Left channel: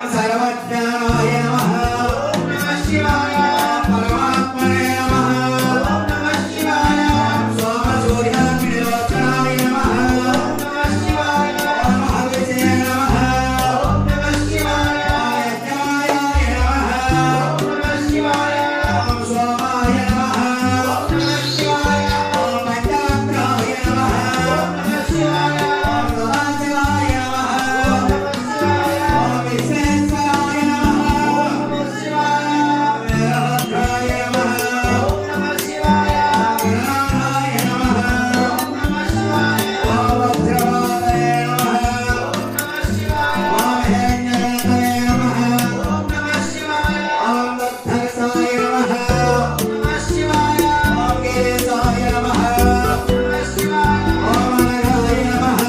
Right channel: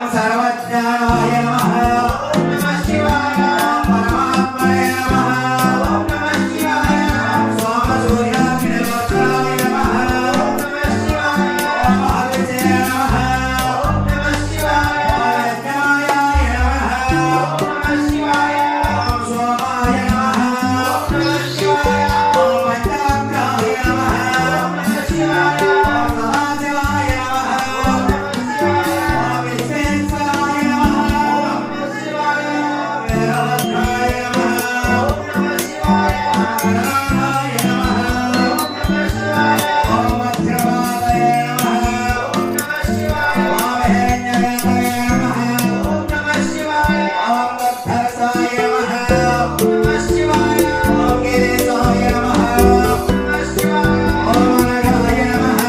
सर्वज्ञानाय नमः। ओम नमः शिवाय। परमात्मने नमः। ओम नमः शिवाय। स्वामसूर्याग्निलोचनाय नमः। ओम नमः शिवाय। ओम महाविष्णवे नमः। ओम नमः शिवाय। ओम यज्ञाय नमः। ओम नमः शिवाय। ओम सोमाय नमः। ओम नमः शिवाय। ओम पंचाग्राय नमः। ओम नमः शिवाय। ओम सदाशिवाय नमः। ओम नमः शिवाय। ओम विश्वेश्वराय नमः। ओम नमः शिवाय। ओम वीरभद्राय नमः। ओम नमः शिवाय। ओम गणानाय नमः। ओम नमः शिवाय। ओम वज्रवादये नमः। ओम नमः शिवाय। ओम हिरण्यगर्भये नमः। ओम नमः शिवाय। ओम वत्सरसाय नमः। ओम नमः शिवाय। ओम गिरीशाय नमः। ओम नमः शिवाय। ओम अनघाय नमः।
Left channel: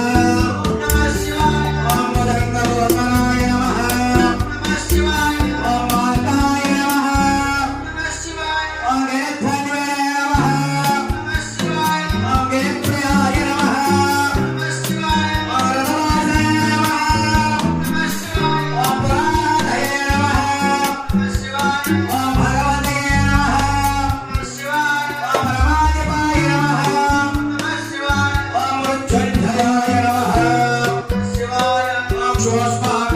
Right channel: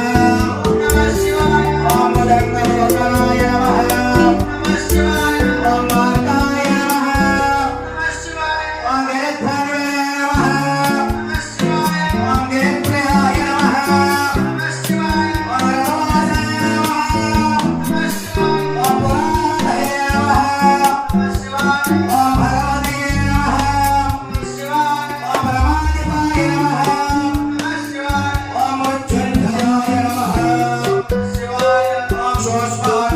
ओम नमः शिवाय। ओम दत्तप्रभुनाय नमः। ओम नमः शिवाय। ओम माताय नमः। ओम नमः शिवाय। ओम गिरिध्वजे नमः। ओम नमः शिवाय। ओम गिरिप्रियाय नमः। ओम नमः शिवाय। ओम रघुनाथाय नमः। ओम नमः शिवाय। ओम पुराणाधये नमः। ओम नमः शिवाय। ओम भगवते नमः। ओम नमः शिवाय। ओम रमाधिपाय नमः। ओम नमः शिवाय। ओम मृत्युंजयाय नमः। ओम नमः शिवाय। ओम शिवस्मात्